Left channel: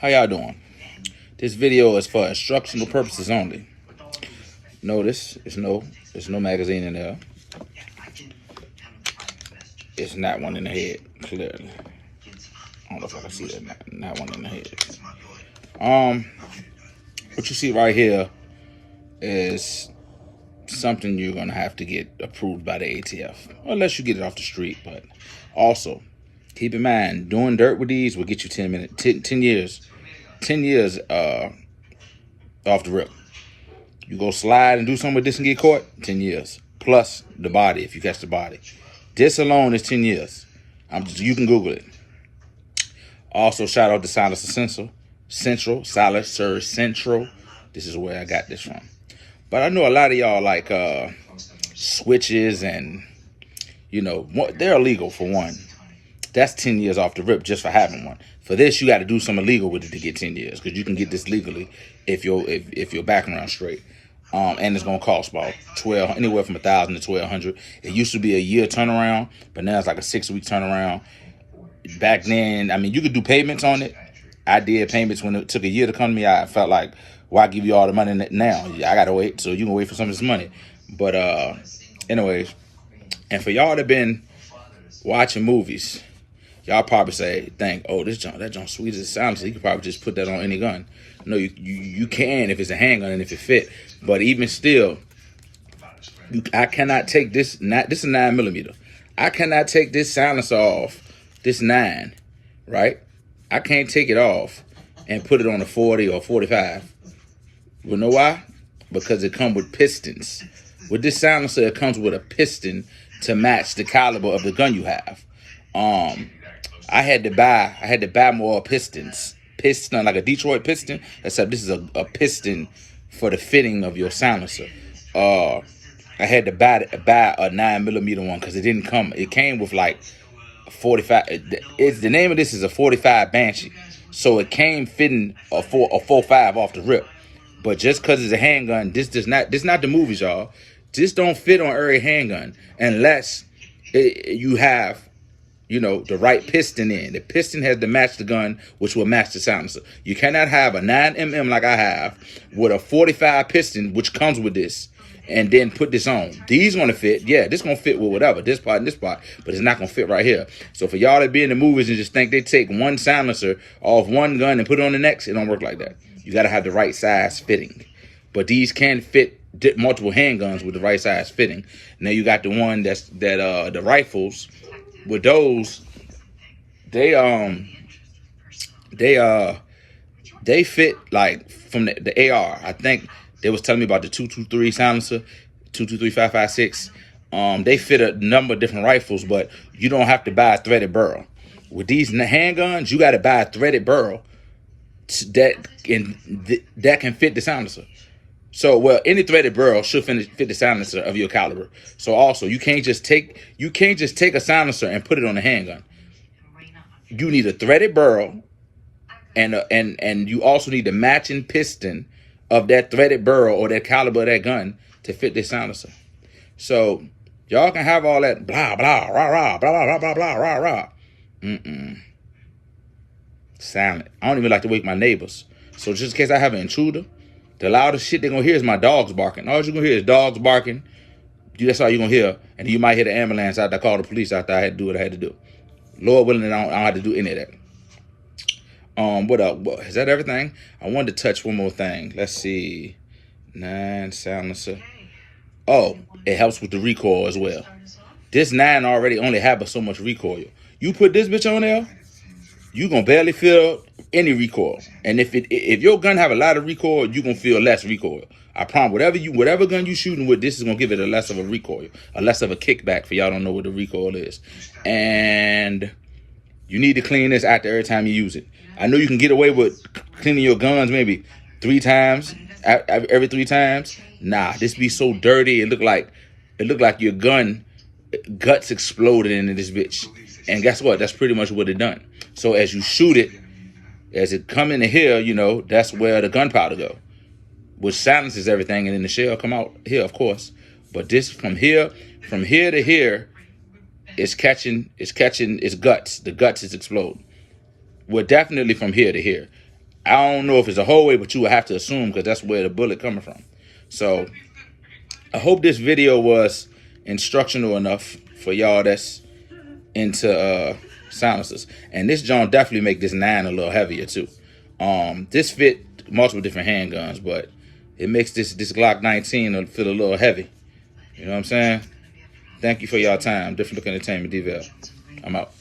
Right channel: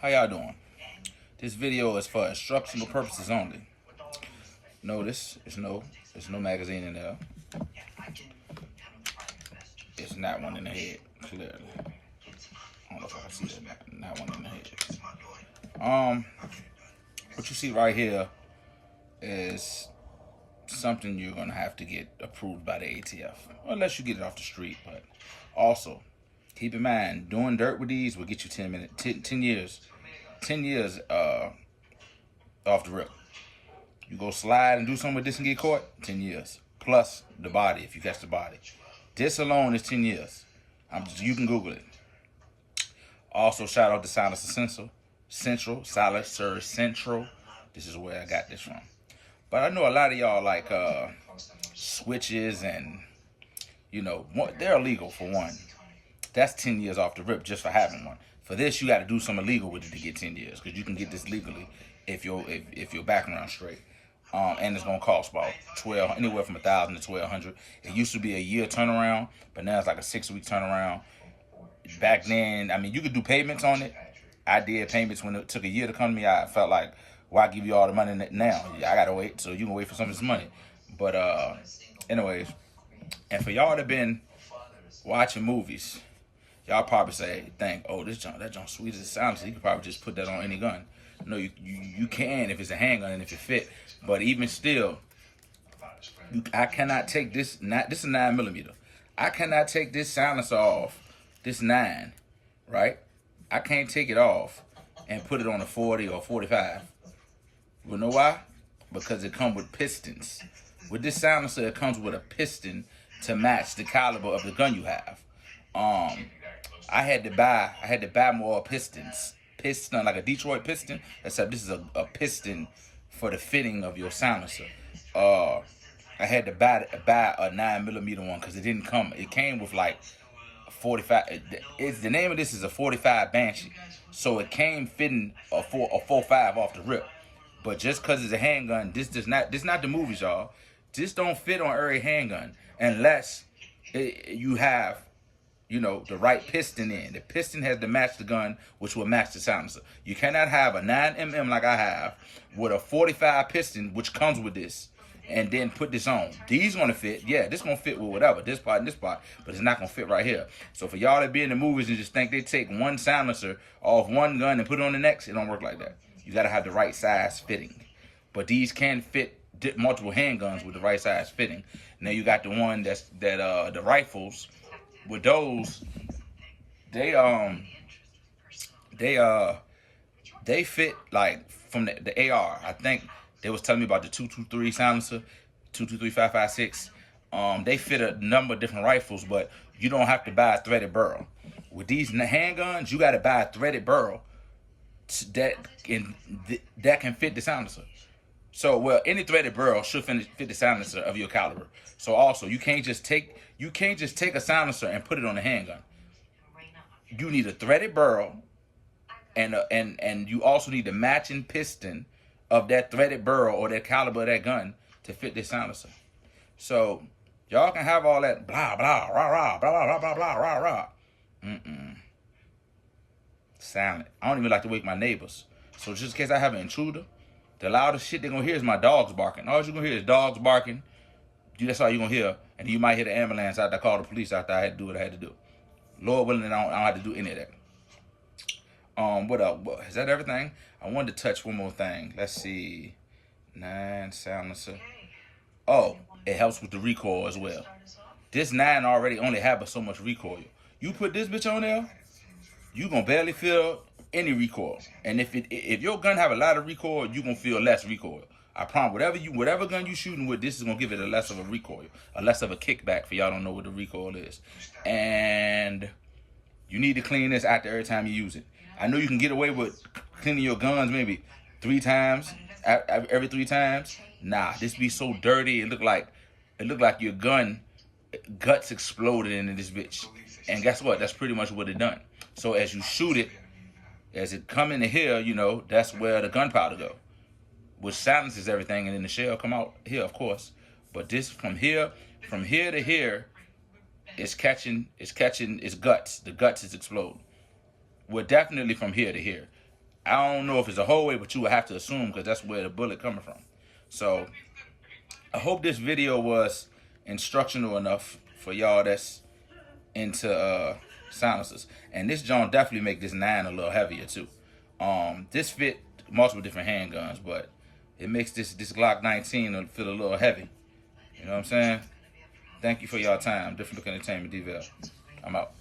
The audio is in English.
How y'all doing? This video is for instructional purposes only. Notice there's no magazine in there. It's not one in the head, clearly. I don't know if I can see that. Not one in the head. What you see right here is something you're gonna have to get approved by the ATF, unless you get it off the street. But also, keep in mind, doing dirt with these will get you 10 years off the rip. You go slide and do something with this and get caught, 10 years. Plus the body, if you catch the body. This alone is 10 years. You can Google it. Also, shout out to Silencer Central. This is where I got this from. But I know a lot of y'all like switches and, they're illegal for one. That's 10 years off the rip just for having one. For this, you got to do something illegal with it to get 10 years, because you can get this legally if your background straight. And it's gonna cost about anywhere from $1,000 to $1,200. It used to be a year turnaround, but now it's like a 6-week turnaround. Back then, you could do payments on it. I did payments when it took a year to come to me. I felt like, why give you all the money now? I gotta wait, so you can wait for some of this money. But anyways, and for y'all that been watching movies, y'all probably say, that junk sweet as it sounds. You could probably just put that on any gun. No, you can if it's a handgun and if it fit. But even still, I cannot take this. This is a 9mm. I cannot take this silencer off. This 9, right? I can't take it off and put it on a 40 or 45. You know why? Because it comes with pistons. With this silencer, it comes with a piston to match the caliber of the gun you have. I had to buy more pistons. Piston, like a Detroit piston, except this is a piston for the fitting of your silencer. I had to buy a 9mm one because it didn't come. It came with like a 45. The name of this is a 45 Banshee, so it came fitting a 45 off the rip. But just because it's a handgun, this not the movies, y'all. This don't fit on every handgun unless you have the right piston in. The piston has to match the gun, which will match the silencer. You cannot have a 9mm like I have with a 45 piston, which comes with this, and then put this on. These gonna fit. Yeah, this gonna fit with whatever, this part and this part, but it's not gonna fit right here. So for y'all that be in the movies and just think they take one silencer off one gun and put it on the next, it don't work like that. You gotta have the right size fitting. But these can fit multiple handguns with the right size fitting. Now you got the one the rifles. With those, they fit like from the AR. I think they was telling me about the 223 silencer, 223 5.56. They fit a number of different rifles, but you don't have to buy a threaded barrel. With these handguns, you got to buy a threaded barrel that can fit the silencer. So, any threaded barrel should fit the silencer of your caliber. So also, you can't just take a silencer and put it on a handgun. You need a threaded barrel, and you also need the matching piston of that threaded barrel or that caliber of that gun to fit this silencer. So y'all can have all that blah blah rah rah blah blah blah blah rah rah. Silent. I don't even like to wake my neighbors. So just in case I have an intruder, the loudest shit they're going to hear is my dogs barking. All you're going to hear is dogs barking. That's all you're going to hear. And you might hear the ambulance out there, call the police out there. I had to do what I had to do. Lord willing, I don't have to do any of that. What up? Is that everything? I wanted to touch one more thing. Let's see. 9 silencer. Oh, it helps with the recoil as well. This 9 already only have so much recoil. You put this bitch on there, you going to barely feel any recoil. And if your gun have a lot of recoil, you gonna feel less recoil. I promise. Whatever gun you shooting with, this is gonna give it a less of a recoil, a less of a kickback. For y'all don't know what the recoil is, and you need to clean this after every time you use it. I know you can get away with cleaning your guns maybe 3 times, every 3 times. Nah, this be so dirty. It look like your gun guts exploded into this bitch. And guess what? That's pretty much what it done. So as you shoot it, as it come into here, that's where the gunpowder go, which silences everything, and then the shell come out here, of course. But this from here to here, it's catching its guts. The guts is exploding. Well, definitely from here to here. I don't know if it's a whole way, but you would have to assume because that's where the bullet coming from. So I hope this video was instructional enough for y'all that's into silencers. And this John definitely make this 9 a little heavier too. This fit multiple different handguns, but it makes this Glock 19 feel a little heavy. You know what I'm saying? Thank you for y'all time. Different Look Entertainment, D-VELL. I'm out.